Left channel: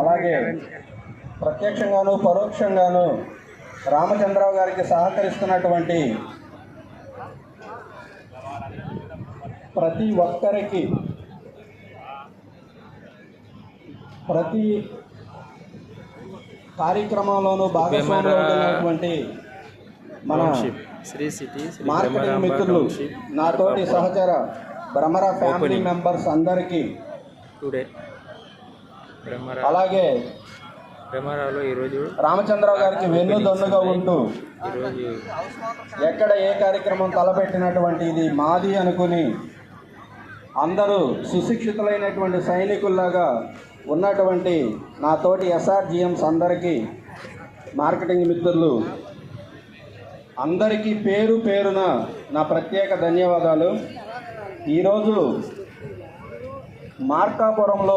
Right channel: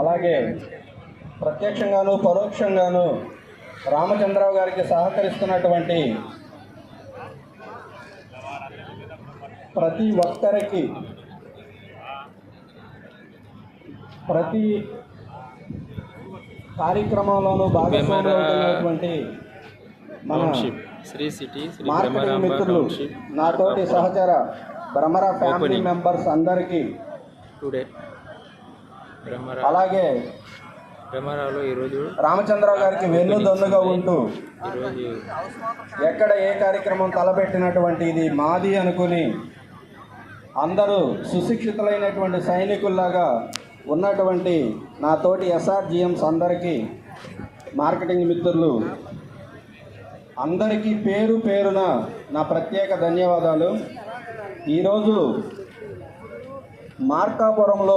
అలాగే ప్రత్యక్షంగాను పరోక్షంగాను రామచంద్రరావు గారికి సహకరిస్తున్నటువంటి ప్రతి ఒక్కరికి, ప్రతి కార్యక్రమంలోనూ భాగస్వామ్యమైనటువంటి township Sri city Sri Brahmaramba township నాతోటి సహచర బ్రహ్మరా ఫ్యామిలీ మెంబర్స్ అందరికీ టుడే అలాగే బ్రహ్మరావులో ఈరోజు రామచంద్రరావు గారికి వెన్నుదన్నుగా ఉంటూ ఈరోజు ఎక్కడ ఏ కార్యక్రమం తలపెట్టినటువంటి ఇది మాది అనుకుని అందరూ సుశిక్షితులైనటువంటి సైనికుల్లాగా ఉన్నటువంటి నా తోటి SRGMs అందరికీ, మార్కెటింగ్ మిత్రులు అందరికీ పేరు పేరున నా ప్రత్యేక ధన్యవాదాలు. ఈరోజు మార్కాపురంలో